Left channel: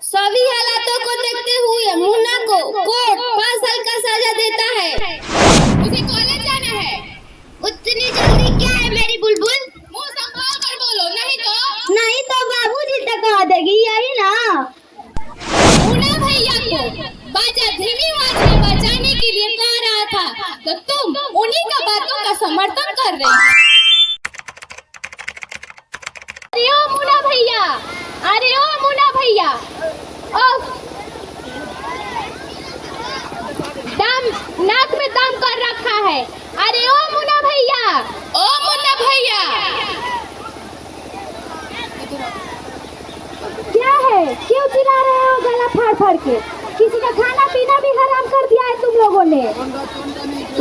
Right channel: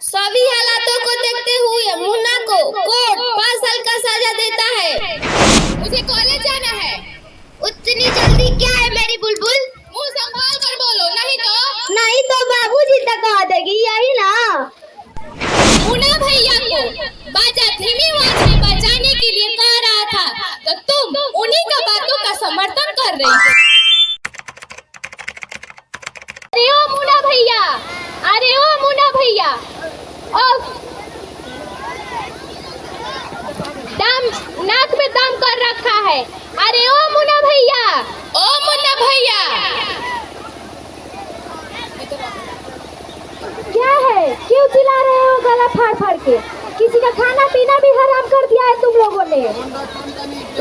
सभी हालातों को देखते हुए मुन्ना को कोर्ट 5 साल का सजा देता है। मुझे कॉलेज जाना है। उतनी जल्दी क्या है मेरी बुलबुल? मुंह संभाल कर बोलो, नहीं तो बाबूजी तक कह देगी, यही ना। मुन्ना भैया को बाजा धीमी आवाज में बजाने के लिए कह रहा था, तो तुम उन्हीं का बातों का समर्थन कर रही हो। अरे ओ मुन्ना भैया, अरे ओ मुन्ना भैया, दम नाक में दम कर रखा है। अरे ओ मुन्ना भैया, ओ मुन्ना भैया, क्या है, क्यों चिल्ला रहे हो गला फाड़ फाड़ के? किसी का खाना पीना भी हराम कर दिया है तुम लोगों ने।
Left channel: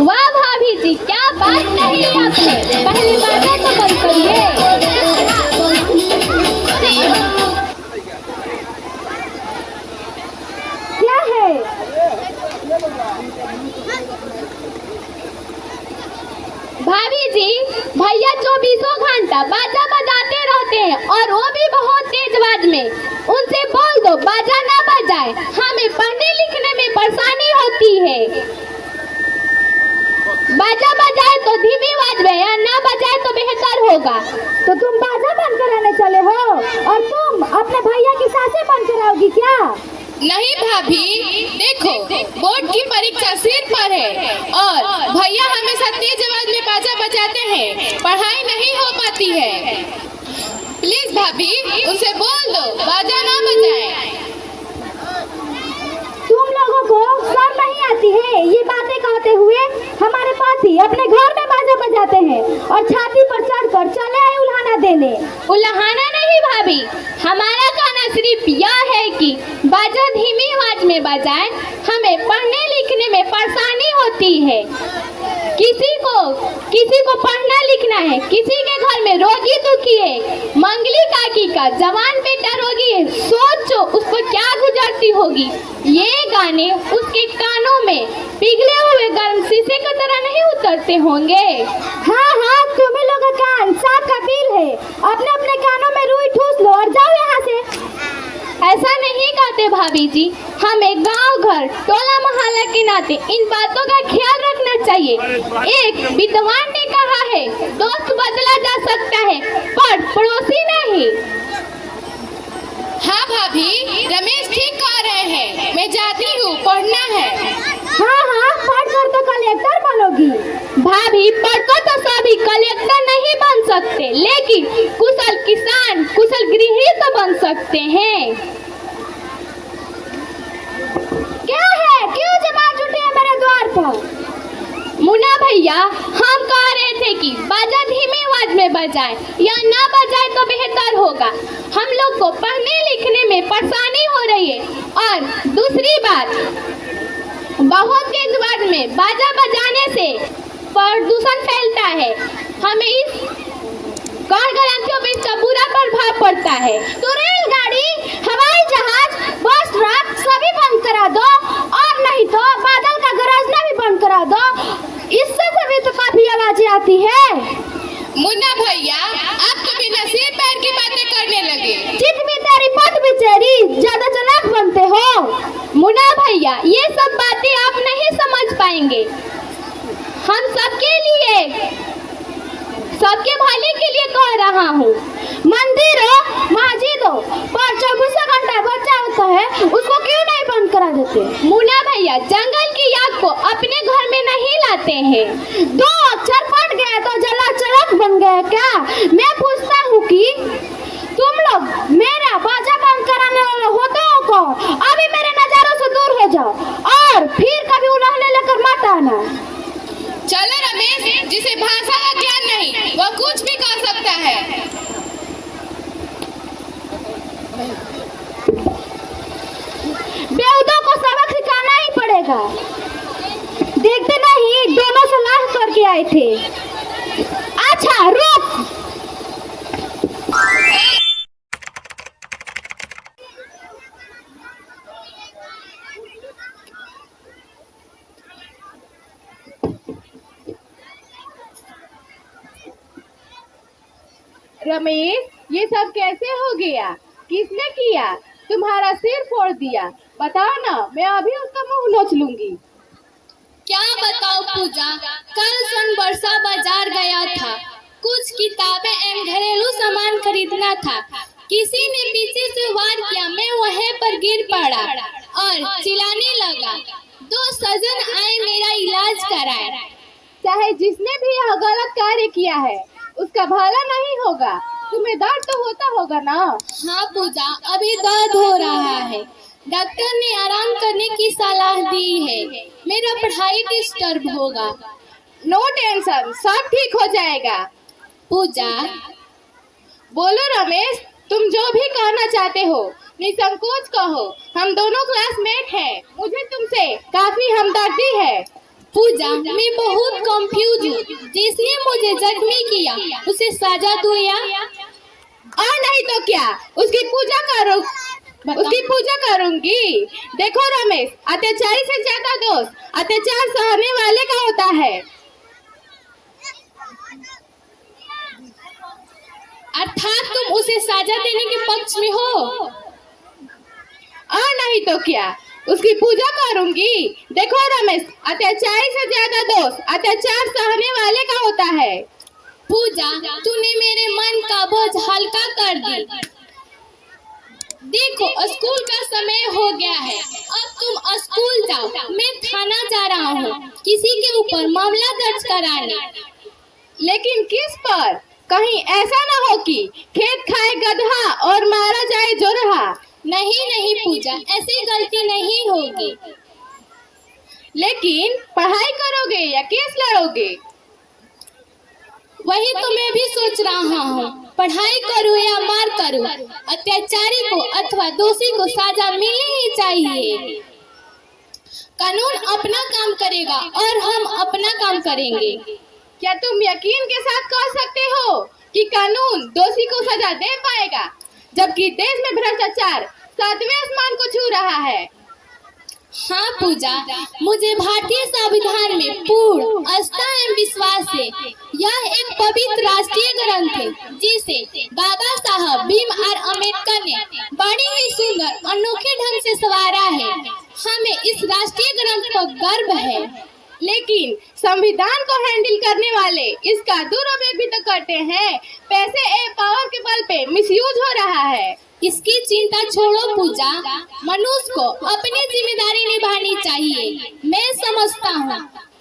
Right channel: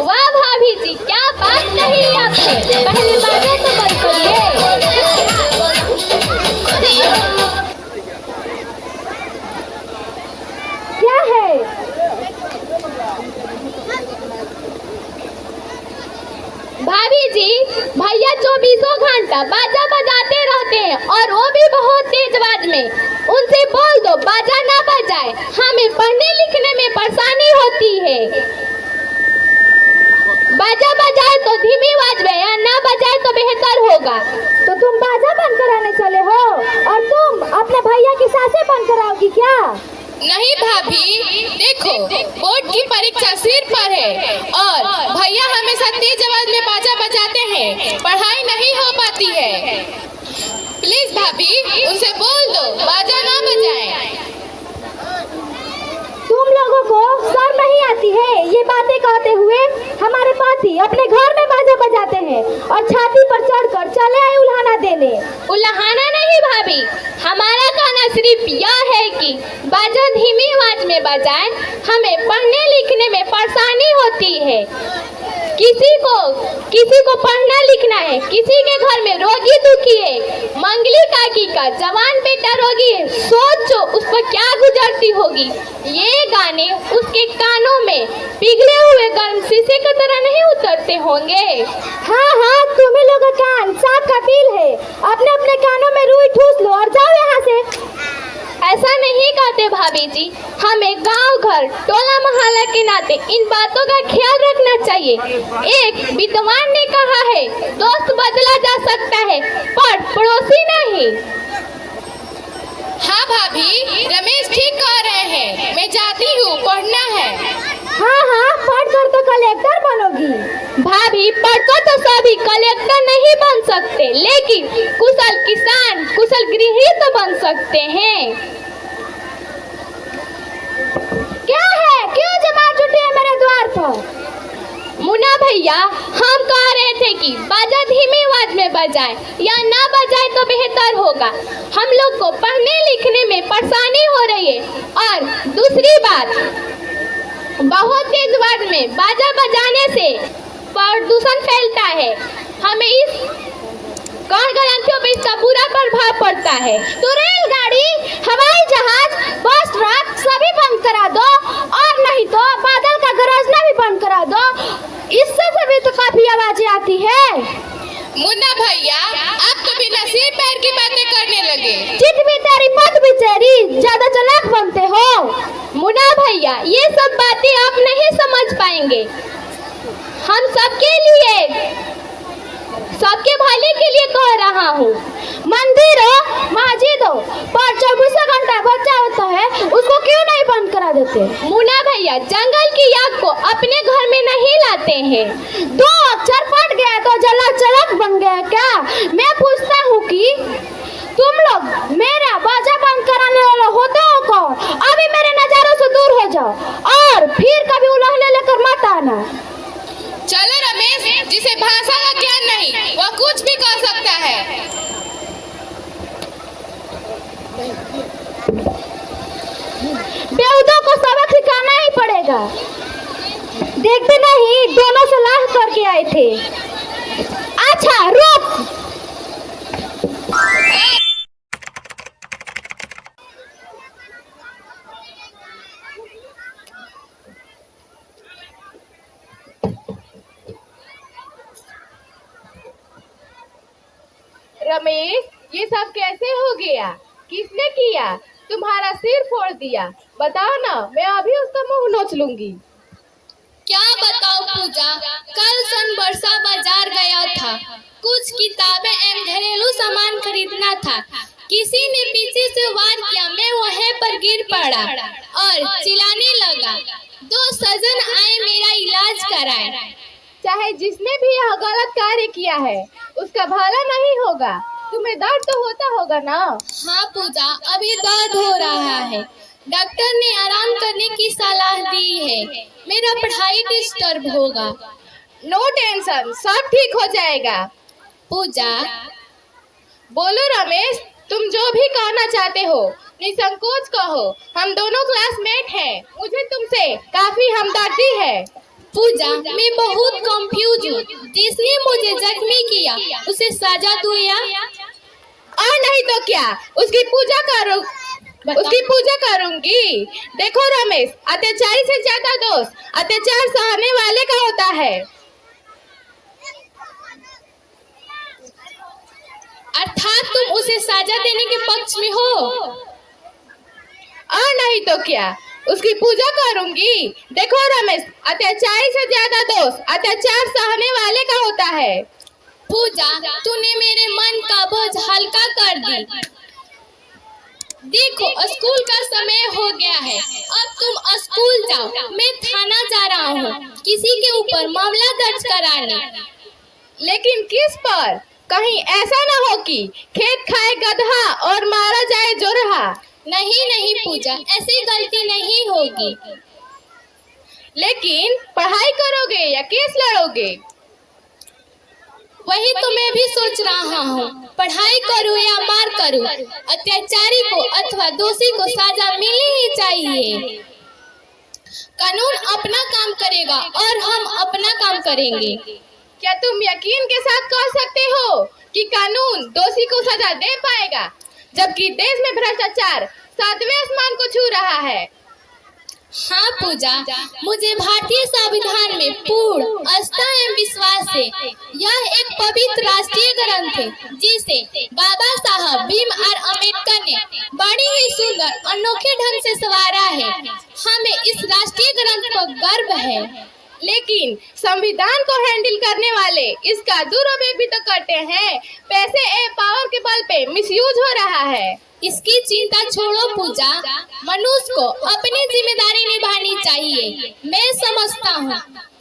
वाह भाभी जी, क्या बात नहीं है आपकी, पहले बातें तो बंद करिए। क्या है? भाभी जी, भैया 24 घंटा बाजा बजाते रहते हैं और वो भी बहुत तेज आवाज में। उनसे बोल दो बाजा ना बजाए, हमें पढ़ने लिखने में परेशानी होती है। बाजा बजाए तो धीमी आवाज में या ना बजाए तो बेहतर होगा। तो तुम बाजा बंद कराने चले हो और तुम अपने भैया की सांसें बंद कराओगी क्या? नहीं भाभी, देखो बोर्ड की परीक्षा सिर पर है और भैया हमेशा तेज आवाज में बाजा बजाते हैं, पढ़ाई नहीं हो पाती है। प्लीज भाभी, उनसे बोल दो बाजा ना बजाए। तुम लोगों को शर्म नहीं आती है ये बातें कहते हुए? हमारे पति अपने घर में बाजा बजाते हैं और छाती पर चढ़कर चले आए उल्हाना देने। उल्हाना नहीं भाभी, हमारा कहना सिर्फ यह है कि बाजा धीमी आवाज में बजाए, हमें पढ़ने लिखने में परेशानी होती है। किसी को पढ़ना लिखना है, किसी के घर में रोगी दुखी है, मंगली काकी का जवान बेटा रोगी है, सोचो उस पर क्या गुजरती होगी। ये गाने उसके कानों में पिघले हुए गर्म शीशे की तरह नहीं उतरते होंगे। हाँ हाँ, तुम्ही लोगों का कान सांप का बिल है, अपने अपने कानों में रुई ठूस लो और जाओ यहाँ से। ऐसा नहीं कहते भाभी जी, हमें गांव घर टोला मोहल्ला के नाते इन बातों का ख्याल रखना चाहिए। एक विद्वान ने कहा है, दोस्त बदला जा सकता है पर पड़ोसी नहीं। हाँ भाभी, रमेश ठीक कह रहे हैं, मैं जाती हूँ, पढ़ना है। हाँ हाँ, पढ़कर तो कलेक्टर बनोगी। भाभी, पढ़कर तो सभी कलेक्टर नहीं बन सकते, लेकिन कुशल किसान, कुशल गृहिणी तो बन सकते हैं। क्या है, क्यों जमा जुटी है मेरे द्वार पर? मुन्ना भैया, हम कह रहे थे कि बाजा धीमी आवाज में बजाए या ना बजाए तो बेहतर होगा। हम लोग को पढ़ने लिखने में परेशानी हो रही है। और दूसरी बात, बहुत तेज आवाज में बाजा बजाने से प्रदूषण फैलता है, हमें इस गणतंत्रों पर इसका बुरा प्रभाव पड़ता है। तो रेलगाड़ी, हवाई जहाज, बस, ट्रक सभी बंद करा दो, और नहीं तो बादल का गरजना भी बंद करा दो। इससे भी तो काफी आवाजें आती है। मुन्ना भैया, आप तो बिना सिर पैर की बातें करने लगे। चित भी तेरी पग भी तेरी, ज्यादा चालाक बनते हो। मुन्ना भैया, ये सब बातें आप नहीं समझ पाएंगे। हम सबके लिए, सबके भले के लिए कह रहा हूँ। मंदिरों, मस्जिदों पर 24 घंटा बच्चा होता है, उसको क्यों नहीं बंद करा देते? मुन्ना भैया, जंगल की आग को अपने घर में नहीं लाते हैं। 2 अक्षर पढ़ गया तो जला चलक बन गया क्या? मैं पूछता हूँ कि तुम लोग मेरा बाजा बंद कराने वाला होते हो कौन? अभी मेरे नजरों से दूर हो जाओ और फिर कभी उल्हाने लेकर मत आना। चलो रमेश, जिसे भाषा का ज्ञान नहीं वह कुछ भी कह सकता है। बेहुदों को सबक सिखाना ही पड़ेगा। देखते नहीं, दोनों सलाह करके आए थे। अच्छा रुक। रमेश, ये सब कैसे हो गया? किसने किया? तुम्हारा सिर फोड़ दिया। बताओ ना, मैं अभी उसका मुंह नोच लूंगी। क्या बताओ पूजा, कल सन बरसा बाजार गया था, कुछ किताबें एवं घरेलू सामान खरीदना था। किसी ने पीछे से वार किया, मैं वहीं पर गिर पड़ा और चिल्लाने लगा। 2 सज्जन आए मेरा इलाज कराए। चाहे जिसने भी यह गलत कार्य किया है उसका भला नहीं होगा। तुम्हें दर्द तो होता होगा ना? हाँ पूजा, अभी दर्द हो रहा है। डॉक्टर ने आराम करने की सलाह दी है। मेरा पढ़ाई डिस्टर्ब होगा। नो टेंशन, सब ठीक हो जाएगा। पूजा, बोलो रमेश, तुम जो भी कहना चाहते हो निसंकोच कहो। हम दोनों क्लासमेट हैं, मुझे तुमसे काफी हमदर्दी है। पूजा, मैं बहुत कंफ्यूज हूँ। जिसने मुझे जख्मी किया उसे सजा दो या? और नहीं तो क्या, उसकी पूजा करूंगी। देखो रमेश, अत्याचारी से ज्यादा दोस्त अत्याचार सहने वाले का होता है। अर्थात तुम उसे सजा देने के पक्ष में हो? और नहीं तो क्या, उसकी पूजा करूंगी। देखो रमेश, अत्याचारी से ज्यादा दोस्त अत्याचार सहने वाले का होता है। पूजा, तूने मेरे मन का बोझ हल्का कर दी। देखो, स्कूल का समय हो गया है, अब तुम स्कूल जाओ। मैं थाना जा रहा हूँ किसी के ऊपर मामला दर्ज कराने। लेकिन किस पर? कहीं ऐसा न हो कि खेत खाए गधा और मारा जाए जोरहा। नहीं नहीं पूजा, ऐसी गलती नहीं होगी। लेकिन पढ़ाई करोगे या केस लड़ोगे? वही तो मैं भी सोच रहा हूँ, पढ़ाई करूँ या मार करूँ। अत्याचारी को अथवा दोषी को सजा मिलनी ही चाहिए। कानून अपना काम करेगा और हम अपना काम करेंगे। क्या तुम यकीन के साथ कह सकते हो कि कानून दोषी को सजा दे पाएगा, जबकि देश में भ्रष्टाचार 7वें आसमान को छू रहा है? हाँ पूजा, मुझे भारतीय संविधान में पूर्ण आस्था एवं विश्वास है। यह एक पवित्र राष्ट्रीय ग्रंथ है जिसे बाबा साहब भीमराव अम्बेडकर ने बड़ी ही सुंदर अनोखे ढंग से संवारा है। हमें इस राष्ट्रीय ग्रंथ पर गर्व है। लेकिन संविधान को हैंडल करने वाले इसका दुरुपयोग भी तो करते हैं। पैसे ए पावर के बल पे मिसयूज हो रहा है। इसकी चिंता छोड़ो पूजा, मनुष्य को अपनी जिम्मेदारी निभानी चाहिए। मैं समझता हूँ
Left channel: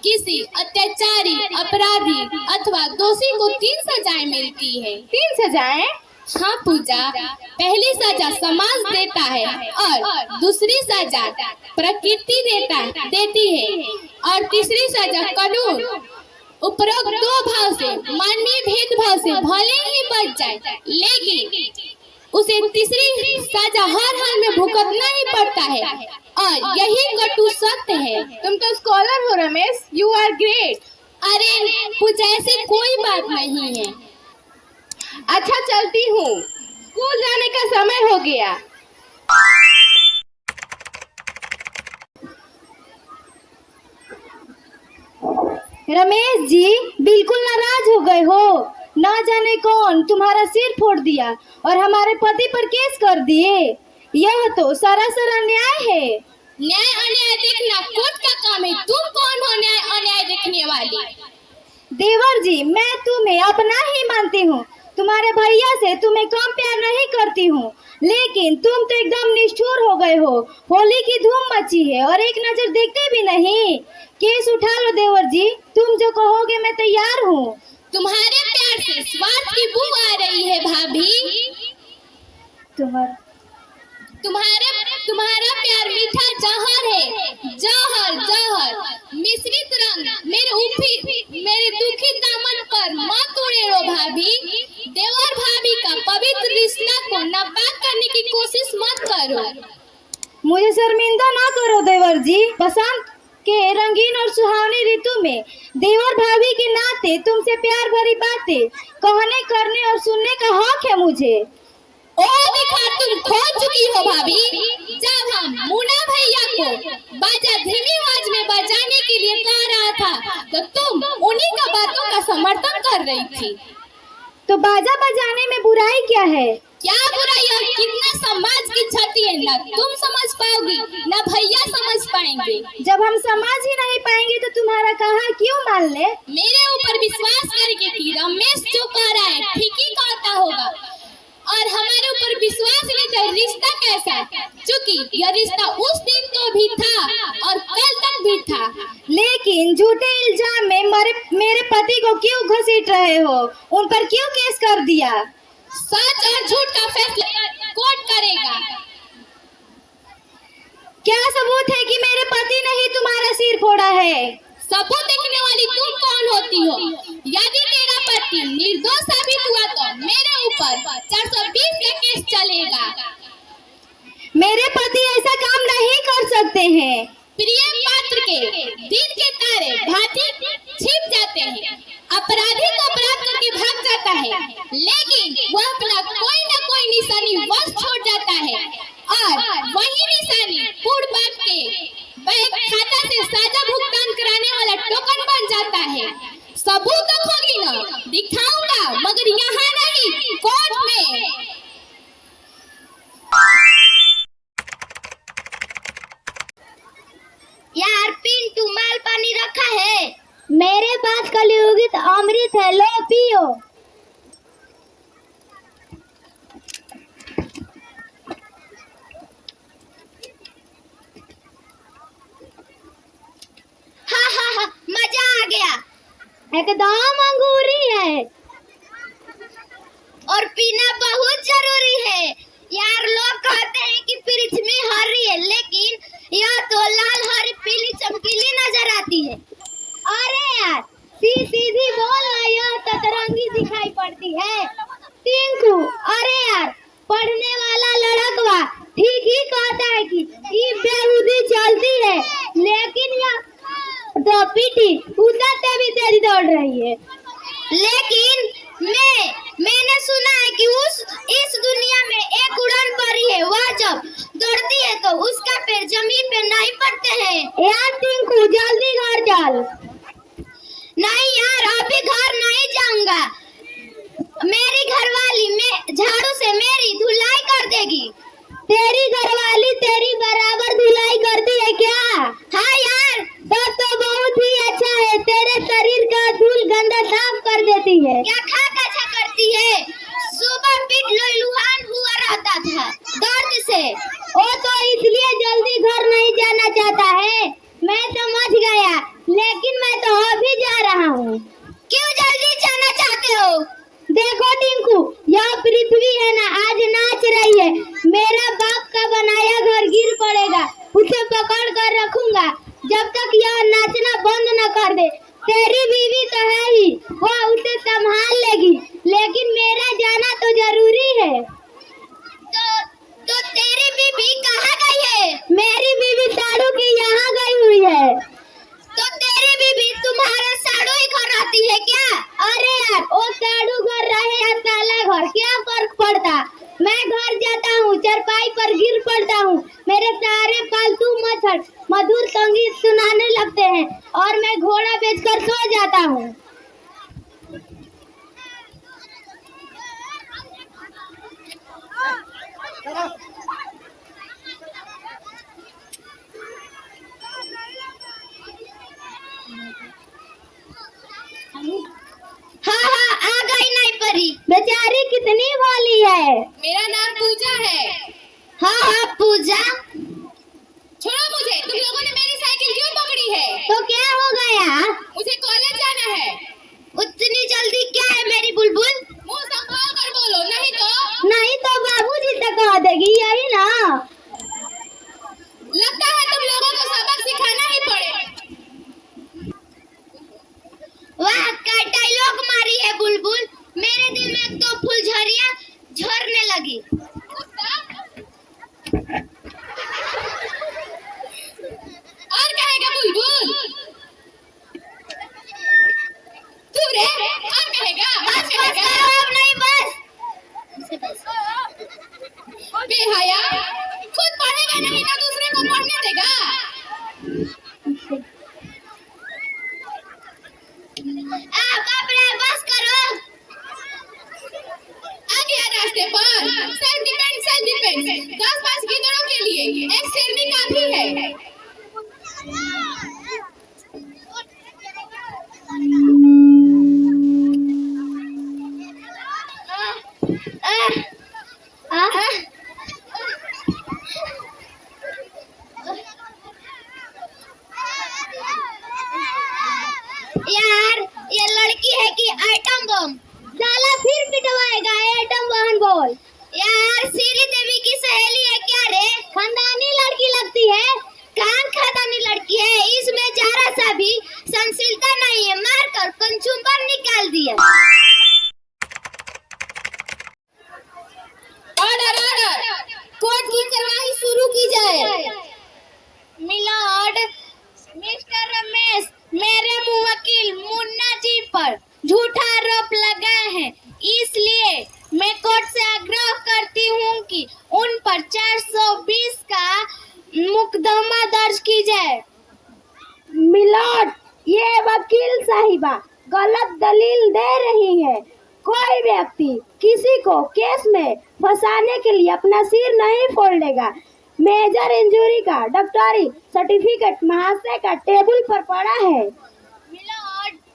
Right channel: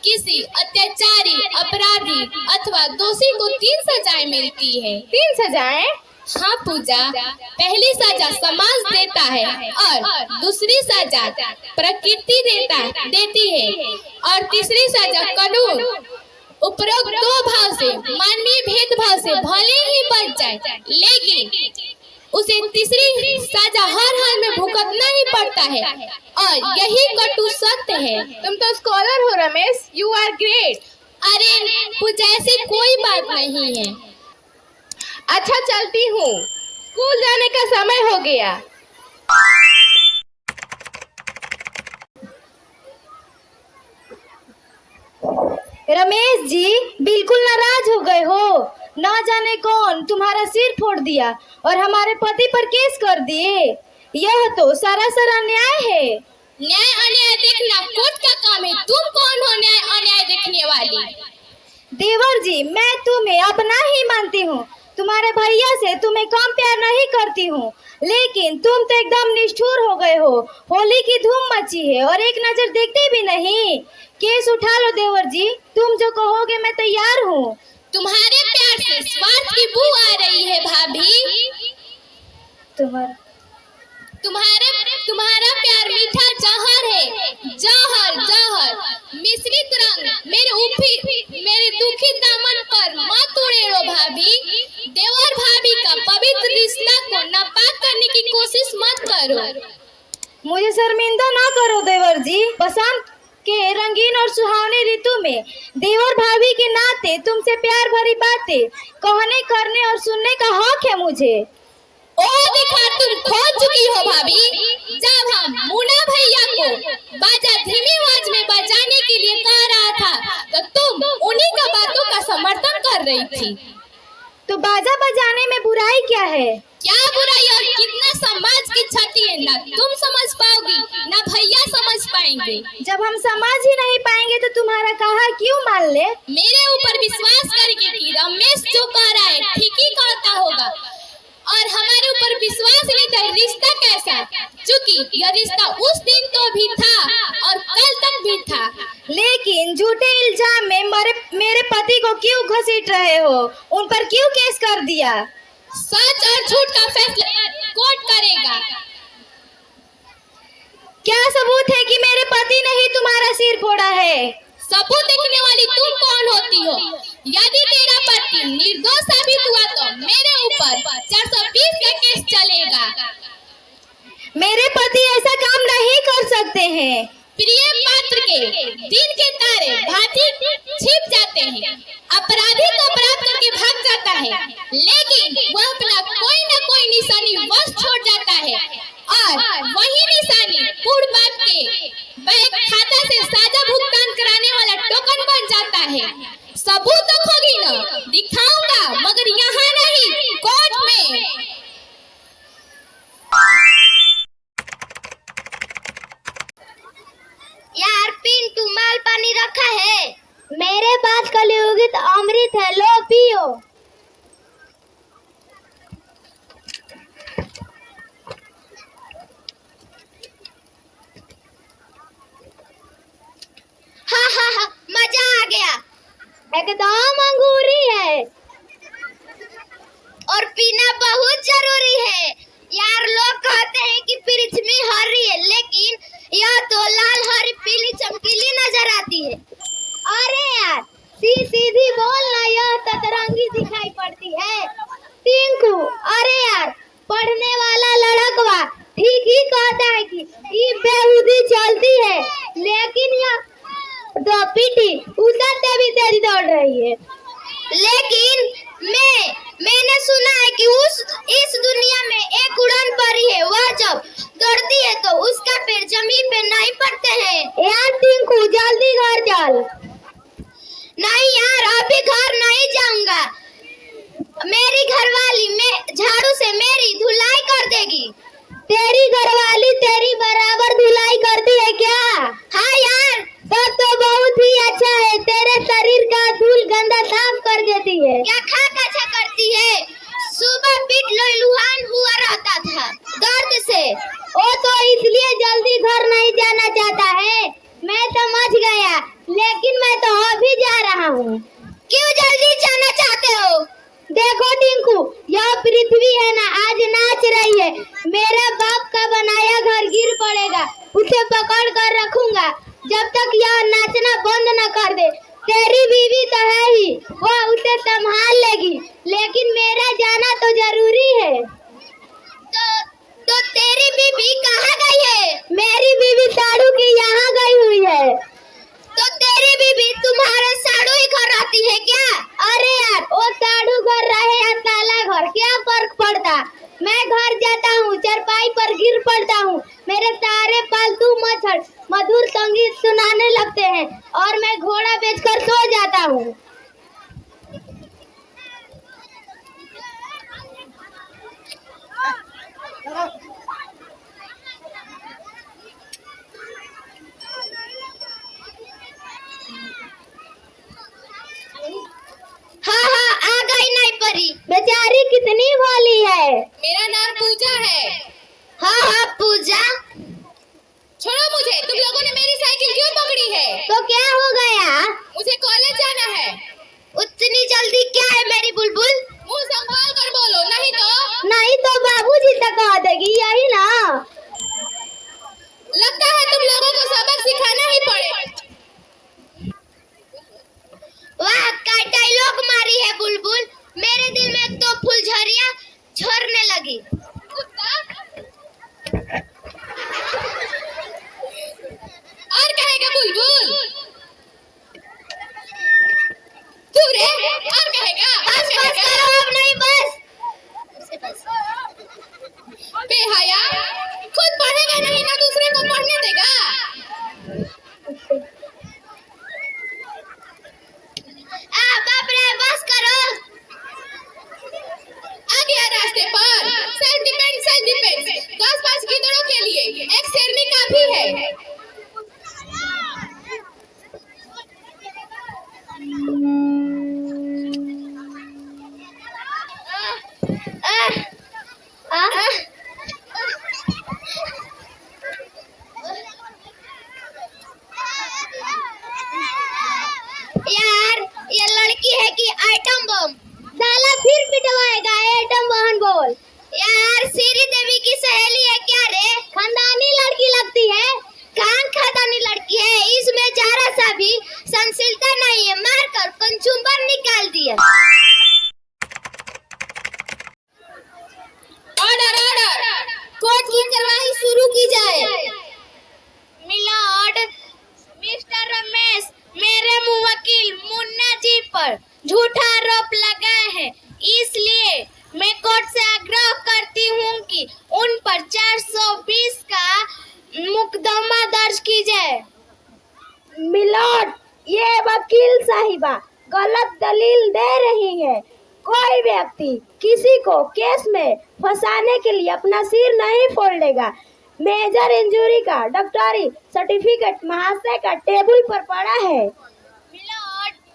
किसी अत्याचारी, अपराधी अथवा दोषी को 3 सजाएं मिलती है। 3 सजाएं? हाँ पूजा, पहली सजा समाज देता है और दूसरी सजा प्रकृति देती है और तीसरी सजा कानून। उपरोक्त 2 भाव से मानवीय भेदभाव से भले ही बच जाए, लेकिन उसे तीसरी सजा हर हाल में भुगतना ही पड़ता है और यही कटु सत्य है। तुम तो स्कॉलर हो रमेश, यू आर ग्रेट। अरे पूजा, ऐसी कोई बात नहीं है। अच्छा चलती हूँ, स्कूल जाने का समय हो गया। रमेश जी बिल्कुल नाराज हो गए हो। न जाने कौन तुम्हारा सिर फोड़ दिया और हमारे पति पर केस कर दिए। यह तो सरासर अन्याय है। न्याय अन्याय देखना कोर्ट का काम है। तुम कौन हो न्याय अन्याय देखने वाली? देवर जी, मैं तुम्हें अपना ही मानती हूँ। तुम्हारे भैया से तुम्हें कम प्यार नहीं करती हूँ, लेकिन तुम तो एकदम निष्ठुर हो गए हो। होली की धूम मची है और एक नजर देखते भी नहीं। केस उठा लो देवर जी, तुम जो कहोगे मैं तैयार हूँ। तुम्हारे प्यार से स्वार्थ की बू आ रही है भाभी। तुम्हारा प्यार मीठा जहर है, जहर जहर मिश्रित रंग। मेरे दुखी दामन पर मत उड़ेलो भाभी। देवर भाभी का पवित्र रिश्ता को नापाक करने की कोशिश मत करो। मुझे शर्मिंदा ना करो देवर जी। बसंत के रंगीन और सुहावनी ऋतु में देवर भाभी के नाते तुमसे प्यार भरी बातें कहने, करने और सुनने का हक है मुझे। ओ दिखा, तुम खो चुकी हो भाभी। जब हम मुन्ना भैया को बाजा धीमी आवाज में बजाने के लिए कह रहा था, तो तुम उन्हीं का बातों का समर्थन कर रही थी। तो बाजा बजाने में बुराई क्या है? क्या बुराई और कितना समाज की क्षति है। तुम समझ पाओगी न भैया समझ पाएंगे। जब हम समझ ही नहीं पाएंगे तो तुम्हारा कहा क्यों मान ले? मेरे ऊपर विश्वास करके कि रमेश जो कह रहा है ठीक ही कहता होगा, और हमारे ऊपर विश्वास लेता है। रिश्ता कैसा है? चूंकि यह रिश्ता उस दिन तो भी था और कल तक भी था। लेकिन झूठे इल्जाम में मेरे पति को क्यों घसीट रहे हो? उन पर क्यों केस कर दिया? सच और झूठ का फैसला कोर्ट करेगा। क्या सबूत है कि मेरे पति ने ही तुम्हारा सिर फोड़ा है? सबूत देखने वाली तुम कौन होती हो? यदि तेरा पति निर्दोष साबित हुआ तो मेरे ऊपर 420 का केस चलेगा। मेरे पति ऐसा काम नहीं कर सकते हैं। प्रिय पात्र के दिन के तारे भांति छिप जाते हैं। अपराधी तो अपराध करके भाग जाता है, लेकिन वह अपना कोई न कोई निशानी बस छोड़ जाता है, और वही निशानी पूर्ण बाप के बैंक खाता से साजा भुगतान कराने वाला टोकन बन जाता है। सबूत तो खोगी न, दिखाऊंगा, मगर यहाँ नहीं, कोर्ट में। यार पिंटू माल पानी रखा है? मेरे पास कलयुगित अमृत है, लो पियो। हाँ, मजा आ गया। एकदम अंगूरी है और पीना बहुत जरूरी है। यार लोग कहते हैं कि फ्रिज में हरी है, लेकिन यह तो लाल हरी पीली चमकीली नजर आती है। अरे यार सीधी बोल ना, यह सतरंगी दिखाई पड़ती है। टिंकू, अरे यार पढ़ने वाला लड़कवा ठीक ही कहता है कि ये बेहूदी चलती है, लेकिन यह तो पीटी उससे भी तेज दौड़ रही है। लेकिन मैंने सुना है कि इस दुनिया में एक उड़न परी है, वह जब दौड़ती है तो उसका पैर जमीन पे नहीं पड़ते हैं। यार टिंकू जल्दी घर चल। नहीं यार अभी घर नहीं जाऊंगा, मेरी घरवाली में झाड़ू से मेरी धुलाई कर देगी। तेरी घरवाली तेरी बराबर धुलाई करती है क्या? हाँ यार तो बहुत ही अच्छा है, तेरे शरीर का धूल गंदा साफ कर देती है। क्या खा अच्छा करती है? सुबह पीठ लहलहान हुआ रहता था दर्द से, वो तो इसलिए जल्दी घर नहीं जाना चाहता है। मैं समझ गया, लेकिन मैं तो अभी जा रहा हूँ। क्यों जल्दी जाना चाहते हो? देखो टिंकू, यह पृथ्वी है ना, आज नाच रही है। मेरा बाप का बनाया घर गिर पड़ेगा, उसे पकड़ कर रखूंगा जब तक यह नाचना बंद न कर दे। तेरी बीवी तो है ही, वह उसे संभाल लेगी, लेकिन मेरा जाना तो जरूरी है। तो तेरी बीवी कहाँ गई है? मेरी बीवी साड़ू की यहाँ गई हुई है। तो तेरी बीवी तुम्हारे साड़ू ही घर रहती है क्या? अरे यार वो साड़ू घर रहे या ताला घर, क्या फर्क पड़ता? मैं घर जाता हूँ, चरपाई पर गिर पड़ता हूँ, मेरे सारे पालतू मच्छर मधुर संगीत सुनाने लगते हैं और मैं घोड़ा बेचकर सो जाता हूँ। हाँ आ गई नहीं परी, बेचारी कितनी भोली है। मेरा नाम पूजा है। हाँ पूजा। छोड़ो मुझे, तुम लोगों ने मेरी साइकिल क्यों पकड़ी है? तो क्या हो गया? मुझे कॉलेज जाना है। उतनी जल्दी क्या है मेरी बुलबुल? मुंह संभाल कर बोलो, नहीं तो बाबूजी तक कह देगी, यही ना। लगता है तुम लोगों को सबक सिखाना ही पड़े। वाह क्या डायलॉग मारी है बुलबुल, मेरे दिल में तो फुलझड़ियां झड़ने लगी। और कहेगा बुलबुल? तू रे और कहेगा? बस अब नहीं, बस बेहया, खुद पढ़ेगा नहीं ना दूसरे को पढ़ने देगा। बाप रे बस करो। आ गया रास्ते पर सेल्फ डिफेंस 10-5 गीदड़ों के लिए। मुकदमा दर्ज की जाए। मिलोट, ये वकील साहिबा गलत दलील दे रही है। कोई व्यक्ति किसी को केस में फंसाने के लिए अपना सिर नहीं फोड़ेगा। मेजर इंजरी का डॉक्टरी सर्टिफिकेट महाशय का टेबल पर पड़ा है।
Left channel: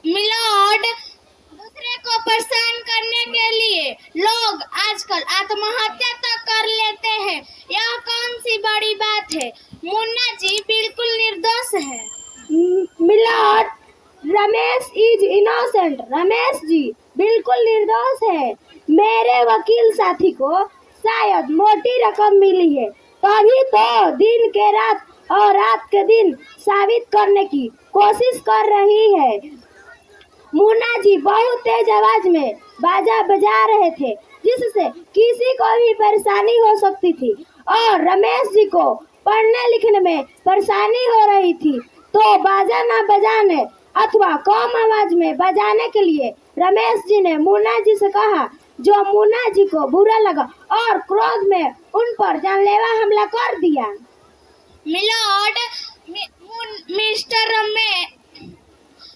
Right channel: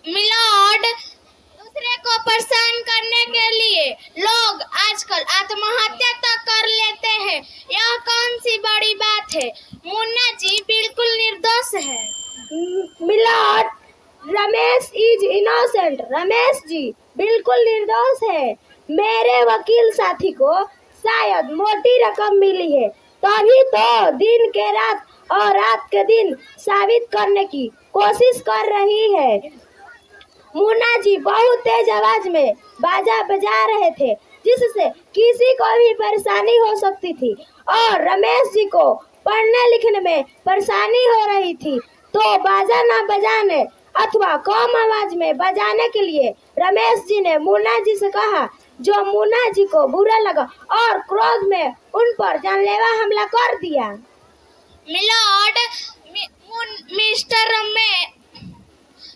मिलोड, दूसरे को परेशान करने के लिए लोग आजकल आत्महत्या तक कर लेते हैं। यह कौन सी बड़ी बात है? मुन्ना जी बिल्कुल निर्दोष है। मिलोट, रमेश इज इनोसेंट। रमेश जी बिल्कुल निर्दोष है। मेरे वकील साथी को शायद मोटी रकम मिली है, तभी तो दिन के रात और रात के दिन साबित करने की कोशिश कर रही है। मुन्ना जी बहुत तेज आवाज में बाजा बजा रहे थे, जिससे किसी को भी परेशानी हो सकती थी, और रमेश जी को पढ़ने लिखने में परेशानी हो रही थी। तो बाजा न बजाने अथवा कम आवाज में बजाने के लिए रमेश जी ने मुन्ना जी से कहा, जो मुन्ना जी को बुरा लगा और क्रोध में उन पर जानलेवा हमला कर दिया। मिलोड,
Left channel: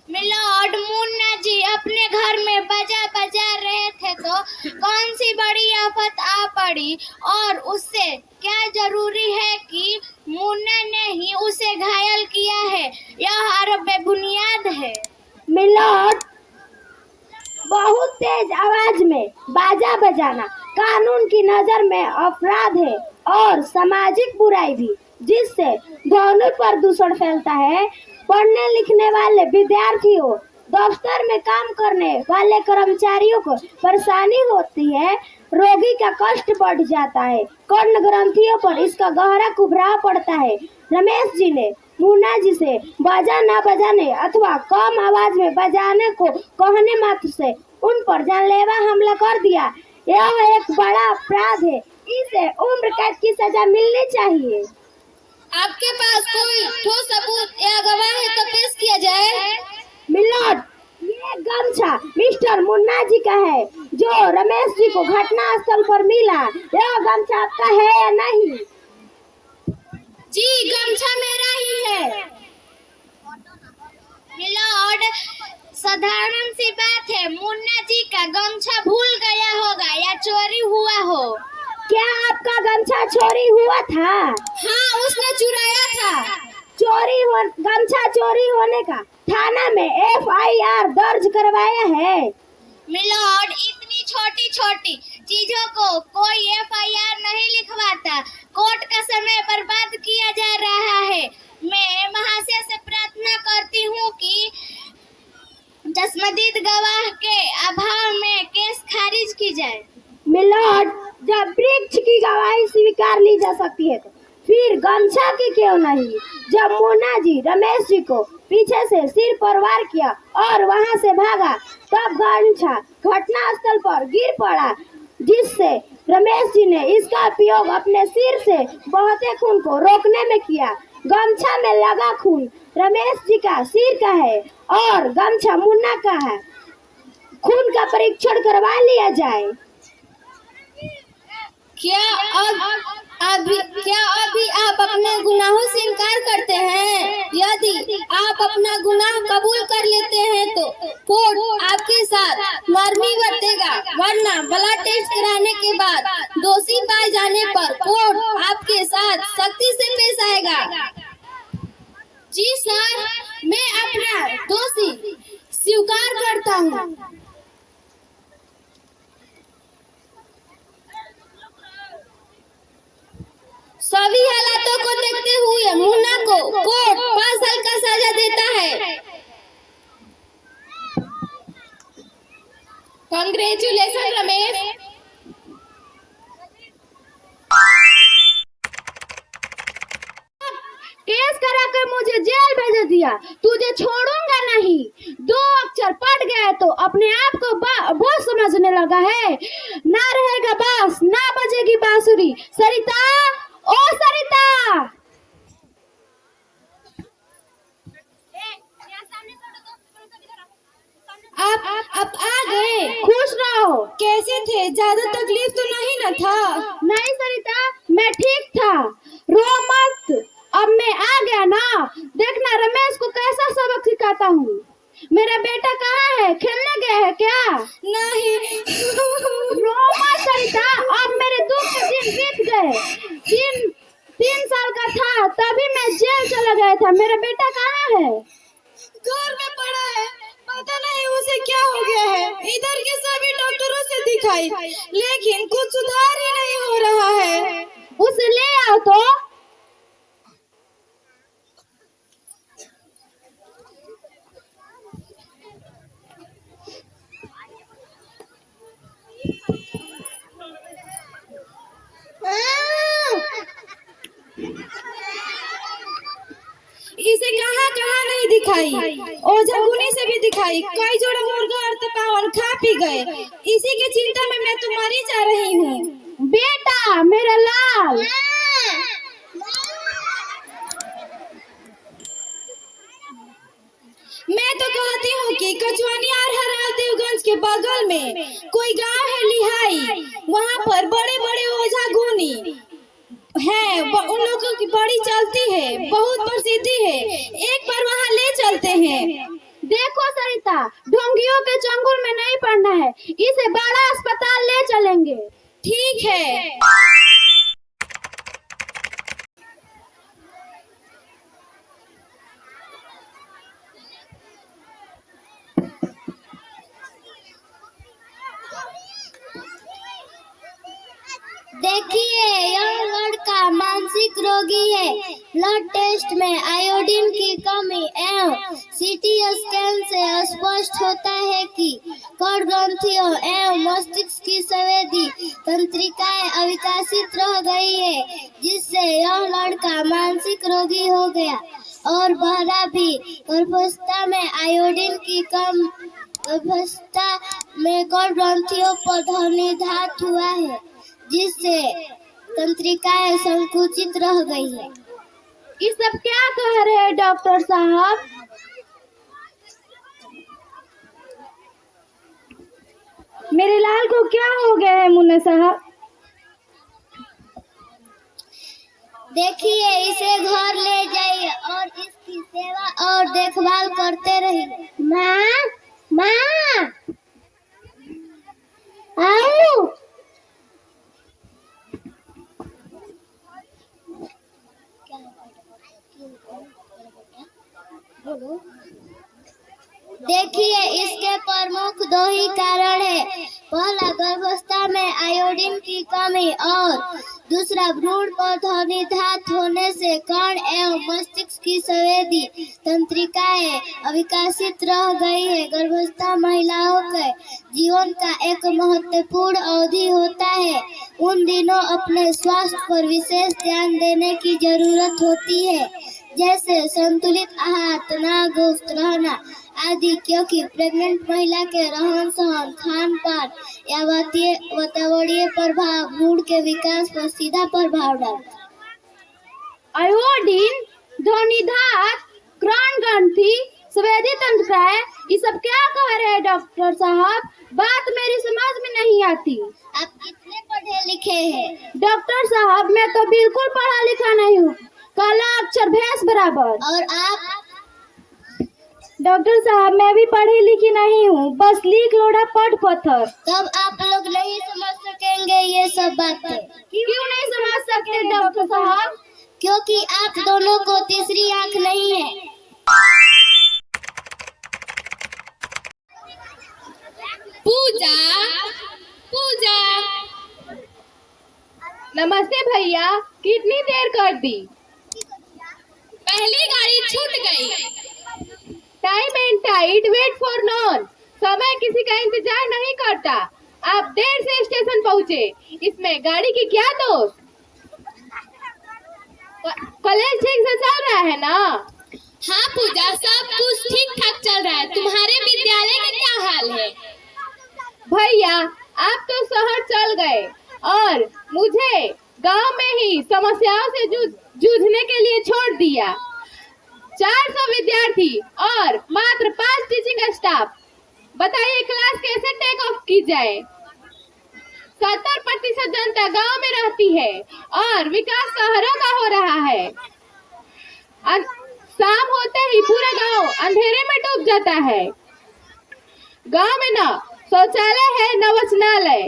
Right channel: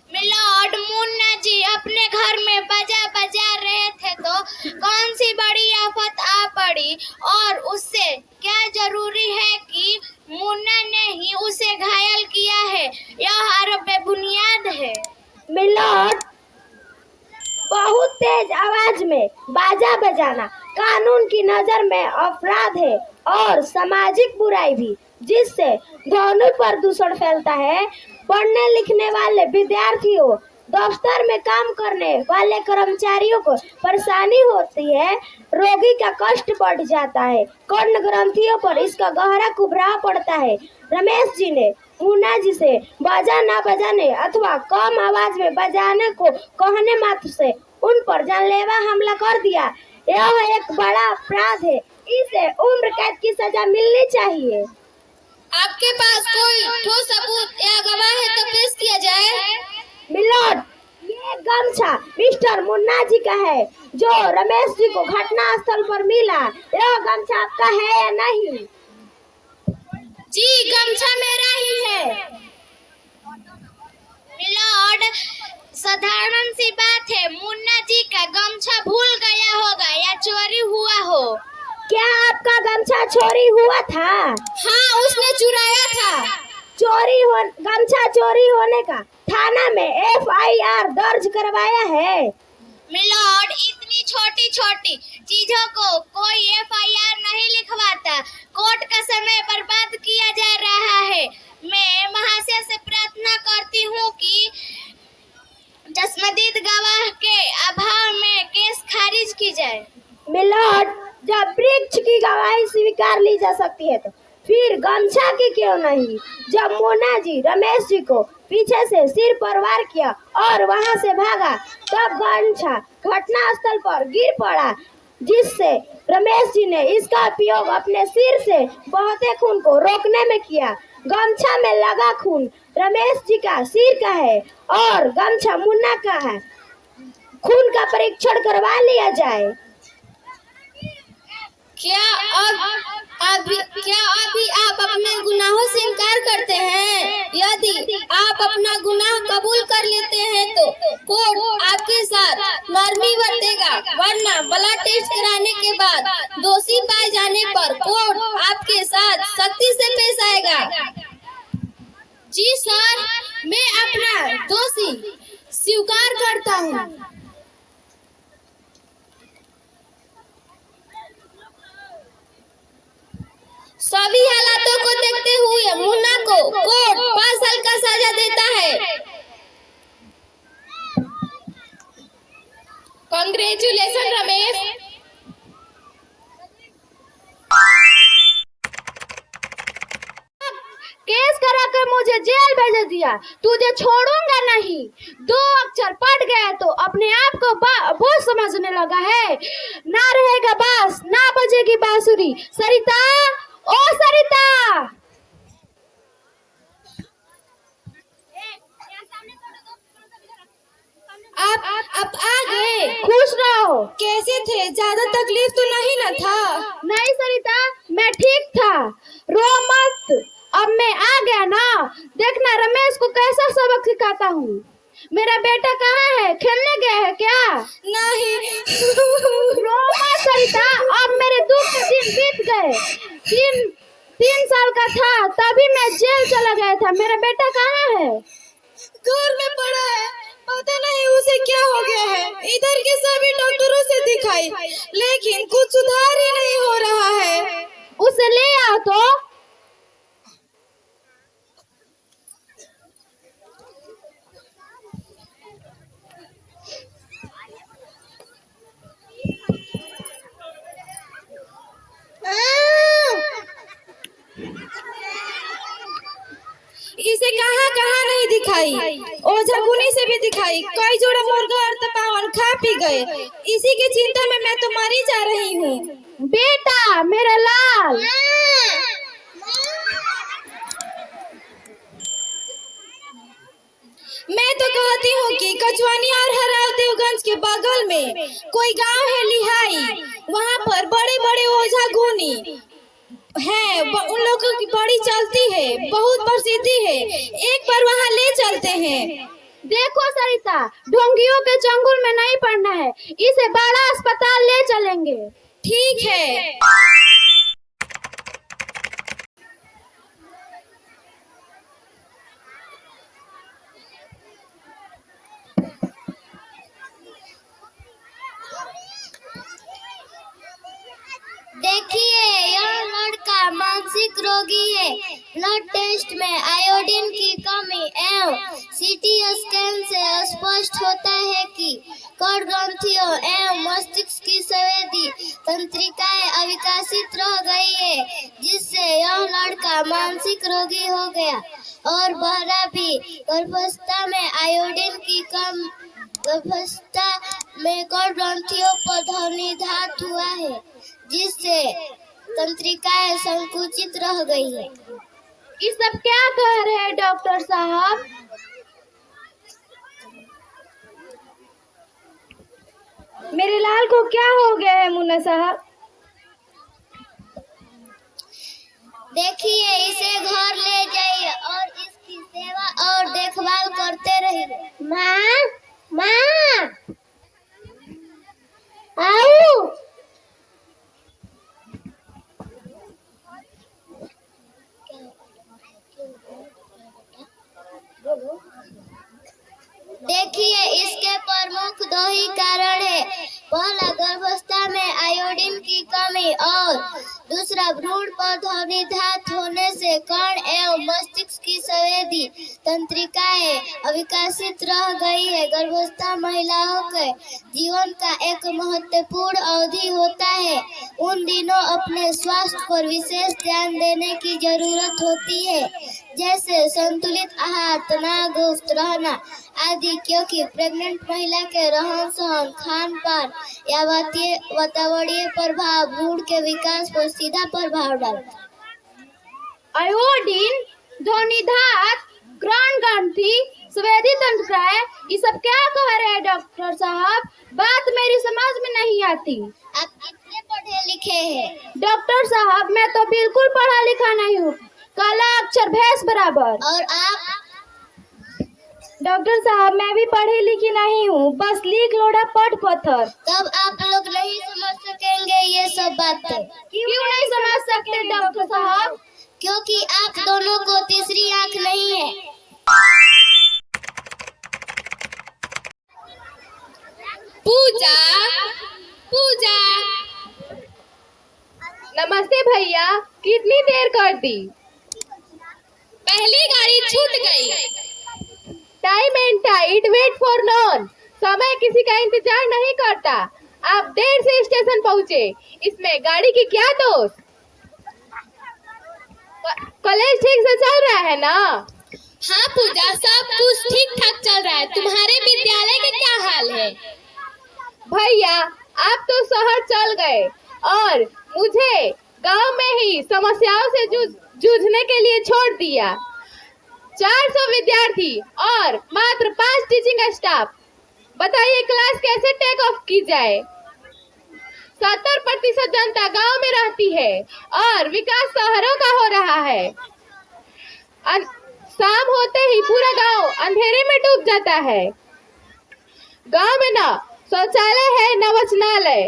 मिलोड, मुन्ना जी अपने घर में बाजा बजा रहे थे तो कौन सी बड़ी आफत आ पड़ी, और उससे क्या जरूरी है कि मुन्ना ने ही उसे घायल किया है? यह आरोप बेबुनियाद है। मिलोड, बहुत तेज आवाज में बाजा बजाना कानून की नजर में अपराध है और सामाजिक बुराई भी, जिससे ध्वनि प्रदूषण फैलता है। पढ़ने लिखने वाले विद्यार्थियों, दफ्तर में काम करने वाले कर्मचारियों को परेशानी होती है। रोगी का कष्ट बढ़ जाता है, कर्ण ग्रंथियों पर इसका गहरा कुबराव पड़ता है। रमेश जी ने मुन्ना जी से बाजा न बजाने अथवा कम आवाज में बजाने को कहने मात्र से उन पर जानलेवा हमला कर दिया। यह एक बड़ा अपराध है। इसे उम्र कैद की सजा मिलनी चाहिए। आपके पास कोई ठोस सबूत या गवाह है तो पेश किया जाए। मिलोड, ये गमछा मिस्टर मुन्ना जी का है, जो रमेश जी को घटना स्थल पर मिला। यह गमछा आपका है या नहीं? जी, गमछा मेरा ही है। मिलोड, साधारण सी बात है, मुन्ना जी का गमछा भूल गया होगा या चोरी हुआ हो। क्या आपका गमछा चोरी हुआ था? हाँ, उसने चुराया था। गमछा चोरी होने का थाना में FIR दर्ज करवाया है। मिलोड, इतनी छोटी छोटी चीजों को कोई FIR नहीं लिखवाता। कोर्ट का समय बर्बाद किया जा रहा है। मैं महाशय से प्रार्थना करती हूँ कि चश्मदीद गवाह के अभाव में केस खारिज की जाए। मिलोड, जब वृक्ष की गवाही स्वीकार ली जा सकती है तो फिर गमछा की क्यों नहीं? जब मुन्ना जी रमेश जी को पीछे से सिर पर वार किया और वहां से भागा, तब गमछा घटना स्थल पर गिर पड़ा, जिससे रमेश जी ने इसका उपयोग अपने सिर से बहते खून को रोकने में किया। गमछा में लगा खून रमेश जी का सिर का है और गमछा मुन्ना का है। खून का परीक्षण करवा लिया जाए। क्या अभी आप अपने गुनाहों से इनकार करते हैं? यदि आप अपना गुनाह कबूल कर लेते हैं तो कोर्ट आपके साथ नरमी बरतेगा, वरना ब्लड टेस्ट कराने के बाद दोषी पाए जाने पर कोर्ट आपके साथ सख्ती से पेश आएगा। जी सर, मैं अपना दोषी स्वीकार करता हूँ। सभी हालातों को देखते हुए मुन्ना को कोर्ट 5 साल का सजा देता है। कांग्रेचुलेशन रमेश। केस करा कर मुझे जेल भेज दिया, तुझे छोड़ूंगा नहीं। 2 अक्षर पढ़ गए तो अपने आप को बोझ समझने लगा है। ना रहेगा बांस, ना बजेगी बांसुरी। सरिता, ओ सरिता! आप आ गए। खुश रहो। कैसे थे? ज्यादा तकलीफ तो नहीं न था? नहीं सरिता, मैं ठीक था। रो मत। देखना रमेश को कैसा सबक सिखाता हूँ। मेरा बेटा कहाँ है? खेलने गया है क्या? नहीं। रो मत सरिता, अब मेरे दुख के दिन बीत गए। 3 साल का था तभी मैं जेल चला गया था। मेरा बेटा कहाँ है? घर में पड़ा है, पता नहीं उसे क्या हो गया है। इधर के सभी डॉक्टरों से दिखाई, लेकिन कुछ सुधार ही नहीं हो रहा है। उसे ले आओ तो। इसे कहाँ कहाँ नहीं दिखाई, ओझा गुनी से भी दिखाई, कई जोड़ा मुर्गा और तपावन खा पी गए। इसी की चिंता में मैं तो मरी जा रही हूँ। बेटा मेरा लाल, मैं तो कहती हूँ कि कचवानी और हराव देवगंज के बगल में कोई गांव है लिहाई, वहाँ पर बड़े बड़े ओझा गुनी हैं। उन लोगों की बड़ी चलती है, बहुत प्रसिद्धि है। एक बार वहाँ ले चलते हैं। देखो सरिता, ढोंगियों के चंगुल में नहीं पड़ना है। इसे बड़ा अस्पताल ले चलेंगे। ठीक है। देखिए, यह लड़का मानसिक रोगी है। ब्लड टेस्ट में आयोडीन की कमी एवं सीटी स्कैन से स्पष्ट होता है कि कण ग्रंथियों एवं मस्तिष्क की संवेदी तंत्रिकाएं अविकसित रह गई है, जिससे यह लड़का मानसिक रोगी हो गया। और बहरा भी गर्भावस्था में आयोडीन की कम गर्भावस्था में कण ग्रंथियों पर ध्वनिधात हुआ है, जिससे तंत्रिकाएं संकुचित रह गई है। ये सब क्या कह रहे हैं डॉक्टर साहब? मेरे लाल को क्या हो गया है मुन्ना साहब? देखिए, इसे घर ले जाइए और इसकी सेवा और देखभाल करते रहिए। माँ आओ। देखिए, इसके प्रमुख 2 ही कारण है। पहला, गर्भावस्था में आयोडीन की कमी और दूसरा, भ्रूण पर ध्वनिधात होने से कण एवं मस्तिष्क की संवेदी तंत्रिकाएं अविकसित रह गई है। गर्भावस्था महिलाओं के जीवन का एक महत्वपूर्ण अवधि होता है। उन दिनों अपने स्वास्थ्य पर विशेष ध्यान देने की जरूरत होती है, जैसे संतुलित आहार, तनावमुक्त रहना आदि, क्योंकि प्रेग्नेंट महिला के रहन सहन, खान पान या वातावरणीय प्रभाव भ्रूण के विकास पर सीधा प्रभाव डालता है। आयोडीन, ध्वनिधात, कण ग्रंथि, संवेदी तंत्रिकाएं, ये सब क्या कह रहे हैं डॉक्टर साहब? बात मेरी समझ में नहीं आती। आप कितने पढ़े लिखे हैं? डॉक्टर साहब, मैं तो बिल्कुल पढ़ा लिखा नहीं हूँ, काला अक्षर भैंस बराबर। और आप? डॉक्टर साहब, मैं भी पढ़ी लिखी नहीं हूँ, बस लिख लोड़ा पढ़ पत्थर। तब आप लोग नहीं समझ सकेंगे ये सब बातें। क्यों नहीं समझ सकते डॉक्टर साहब? क्योंकि आप दोनों को तीसरी आंख नहीं है। पूजा, पूजा। नमस्ते भैया, कितनी देर कर दी? पहली गाड़ी छूट गई। Time and tide wait for none. समय किसी का इंतजार नहीं करता। आप देर से स्टेशन पहुँचे, इसमें गाड़ी की क्या दोष? कॉलेज ठीक से चल रहा है ना? हाँ पूजा, सब कुछ ठीक ठाक चल रहा है। तुम्हारे विद्यालय का क्या हाल है? भैया, आप तो शहर चल गए और मुझे गांव में ही समस्याओं से जूझने के लिए छोड़ दिया। 400 विद्यार्थी और मात्र 5 टीचिंग स्टाफ। बताइए क्लास कैसे टेक ऑफ की जाए? 70% जनता गांव में रहती है और विकास शहरों का हो रहा है। शाम होते ही पूरा गांव अंधेरे में डूब जाता है। गांव में न शौचालय है, न वाचनालय,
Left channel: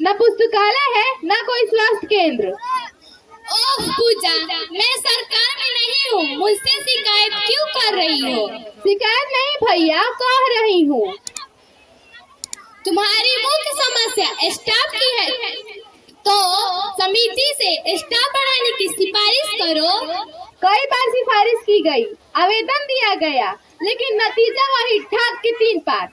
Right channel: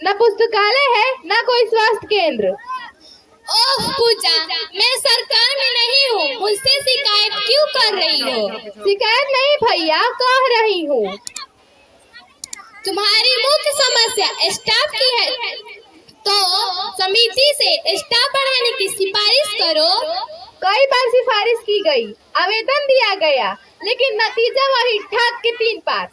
न पुस्तकालय है, न कोई स्वास्थ्य केंद्र। ओह पूजा, मैं सरकार में नहीं हूँ, मुझसे शिकायत क्यों कर रही हो? शिकायत नहीं भैया, कह रही हूँ। तुम्हारी मुख्य समस्या स्टाफ की है, तो समिति से स्टाफ बढ़ाने की सिफारिश करो। कई बार सिफारिश की गई, आवेदन दिया गया, लेकिन नतीजा वही ठाक के 3 पास।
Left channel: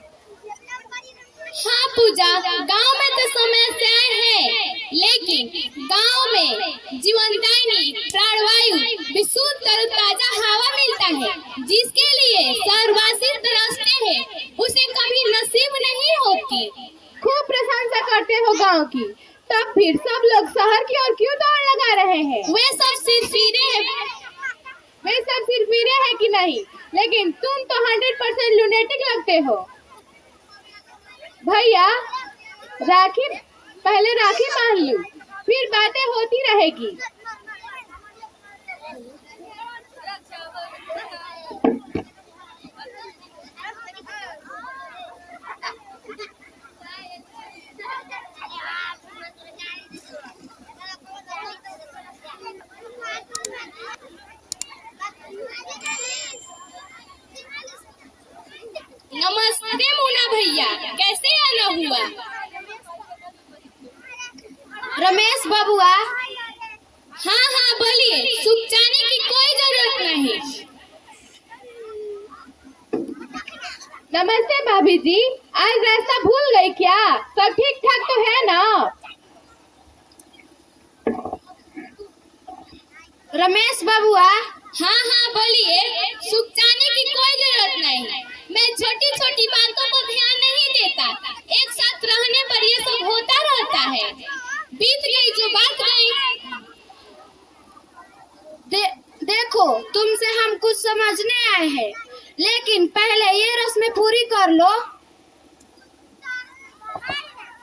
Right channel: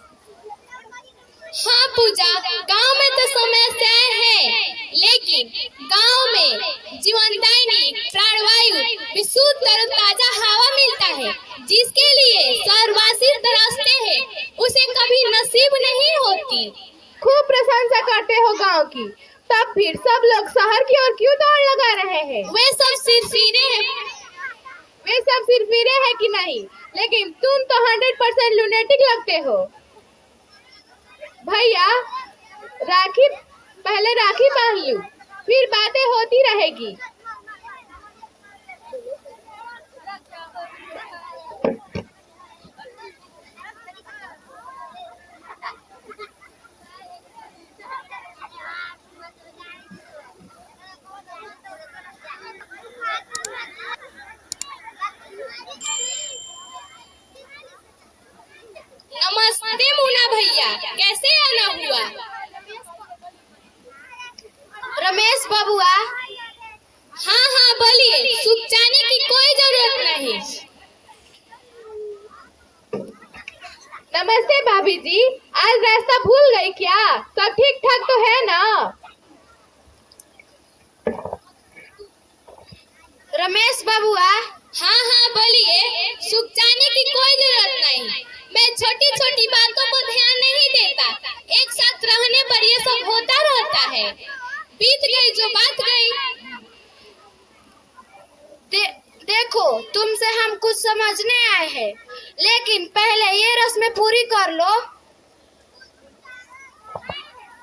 हाँ पूजा, गांव में तो समस्याएं हैं, लेकिन गांव में जीवनदायिनी प्राणवायु, विशुद्ध तरोताजा हवा मिलता है, जिसके लिए शहरवासी तरसते हैं, उसे कभी नसीब नहीं होती। खूब प्रशंसा करते हो गांव की, तब फिर सब लोग शहर की ओर क्यों दौड़ लगा रहे हैं? वे सब सिरफिरे हैं। वे सब सिरफिरे हैं कि नहीं, लेकिन तुम तो 100% लुनेटिक लगते हो। भैया पहले राखी बांध लूं, फिर बातें होती रहेगी। नमस्ते मुन्ना भैया, कैसे आना हुआ? रमेश बबुआ, हाँ हाँ बोलिए, सुख जाने की कोई जरूरत नहीं। नमस्ते भाभी जी, आज रास्ता भूल गई क्या? सब ठीक ठाक तो है ना? रमेश बबुआ, हाँ हाँ बोलिए, सुख जाने की कोई जरूरत नहीं। मैं छोटी छोटी बातों को ध्यान नहीं देता, एक साथ रहने पर ये सब होता रहता है। बीत गई जो बात गई। देखो, तुमसे हम कुछ समझने आए हैं, लेकिन पहले ये रस्में पूरी कर लो।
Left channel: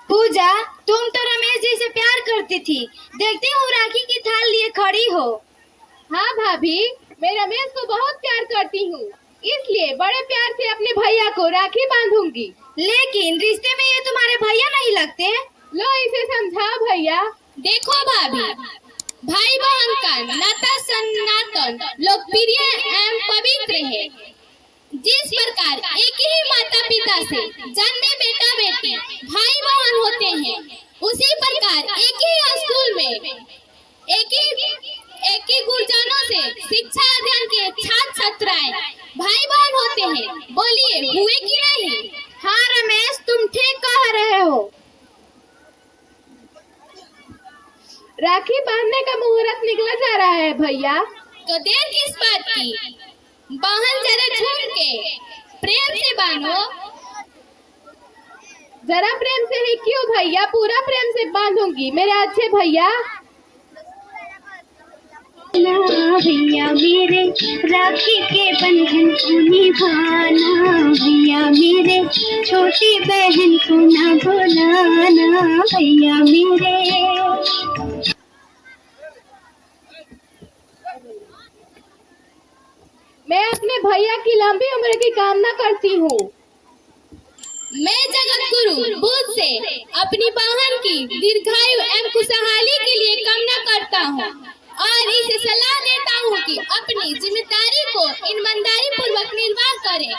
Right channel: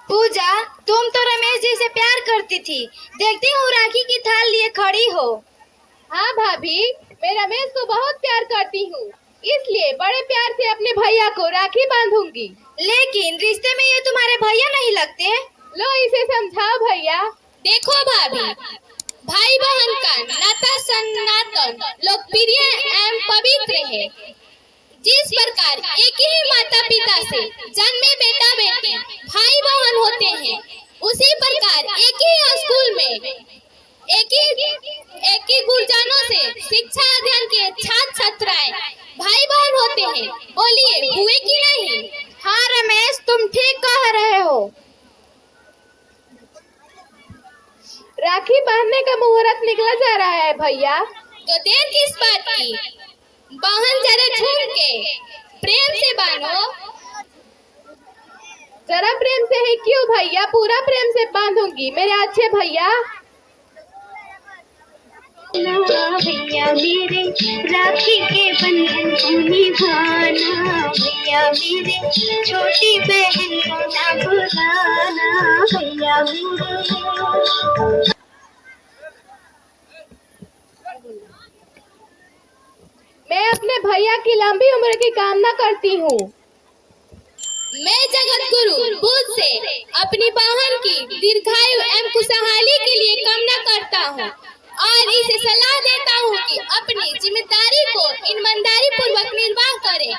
पूजा, तुम तो रमेश जी से प्यार करती थी, देखती हूँ राखी की थाल लिए खड़ी हो। हाँ भाभी, मैं रमेश को बहुत प्यार करती हूँ, इसलिए बड़े प्यार से अपने भैया को राखी बांधूंगी। लेकिन रिश्ते में ये तुम्हारे भैया नहीं लगते? लो इसे समझाओ भैया। देखो भाभी, भाई बहन का नाता सनातन, लोकप्रिय एवं पवित्र है। जिस प्रकार एक ही माता पिता से जन्मे बेटा बेटी भाई बहन होते हैं, उसी प्रकार एक ही स्कूल में एक ही गुरुजनों से शिक्षा अध्ययन के छात्र छात्राएं भाई बहन होते हैं। बोलिए, हुए कि नहीं? हाँ रमेश, तुम ठीक कह रहे हो। राखी बांधने का मुहूर्त निकला जा रहा है भैया। तो देर किस बात की? बहन जरा झूम के प्रेम से बांधो। जरा प्रेम से ही क्यों भैया, पूरा प्रेम से बांधूंगी मेरे अच्छे भैया। भैया मेरे राखी के बंधन को निभाना, भैया मेरे छोटी बहन को ना भुलाना, भैया मेरे। मैं अपने भैया की लंबी उम्र की कामना करती हूँ। मैं जगत गुरु बुद्ध से अपनी बहन की दीर्घायु एवं खुशहाली के लिए कामना करता हूँ और इसे सलाह देता हूँ कि अपनी जिम्मेदारी को ईमानदारी पूर्वक निर्वाह करे।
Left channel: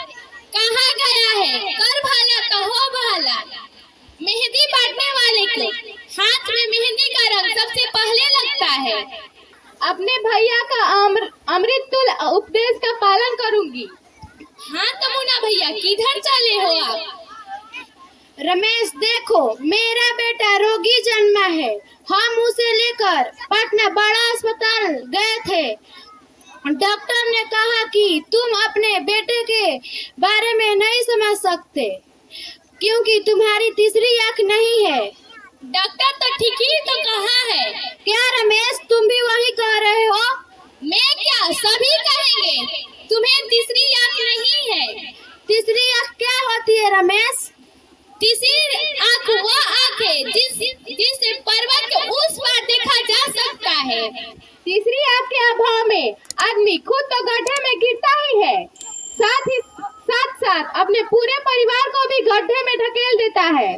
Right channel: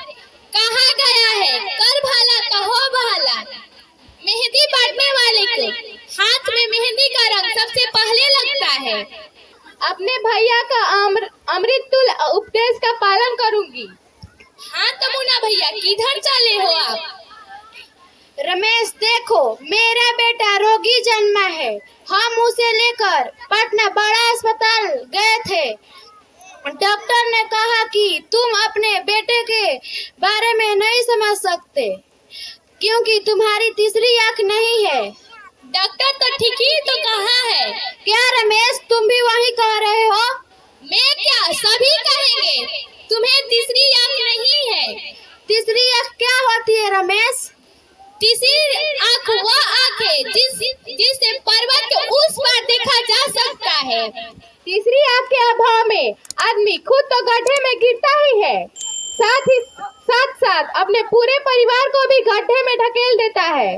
कहा गया है, कर भला तो हो भला। मेहंदी बांटने वाले को हाथ में मेहंदी का रंग सबसे पहले लगता है। अपने भैया का अमृत तुल्य उपदेश का पालन करूंगी। हाँ तमुना भैया, किधर चले हो आप? रमेश देखो, मेरा बेटा रोगी जन्मा है, हम उसे लेकर पटना बड़ा अस्पताल गए थे। डॉक्टर ने कहा कि तुम अपने बेटे के बारे में नहीं समझ सकते, क्योंकि तुम्हारी तीसरी आंख नहीं है। डॉक्टर तो ठीक ही तो कहा है। क्या रमेश, तुम भी वही कह रहे हो? मैं क्या, सभी कहेंगे तुम्हें तीसरी आंख नहीं है। तीसरी आंख क्या होती है रमेश? तीसरी आंख वो आंख है जिससे पर्वत के उस पार देखा जा सकता है। तीसरी आंख के अभाव अभाव में आदमी खुद तो गड्ढे में गिरता ही है, साथ साथ अपने पूरे परिवार को भी गड्ढे में ढकेल देता है।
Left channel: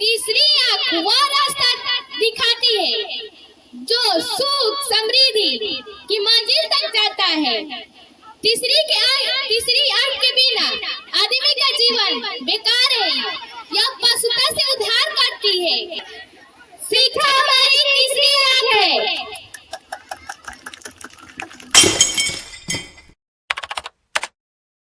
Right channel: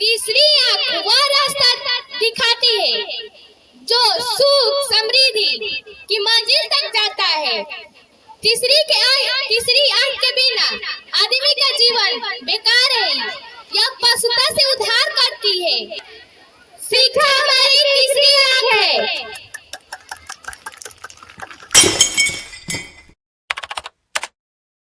तीसरी आंख वह रास्ता दिखाती है जो सुख समृद्धि की मंजिल तक जाता है। तीसरी आंख के बिना आदमी का जीवन बेकार है। यह पशुता से उद्धार करती है। शिक्षा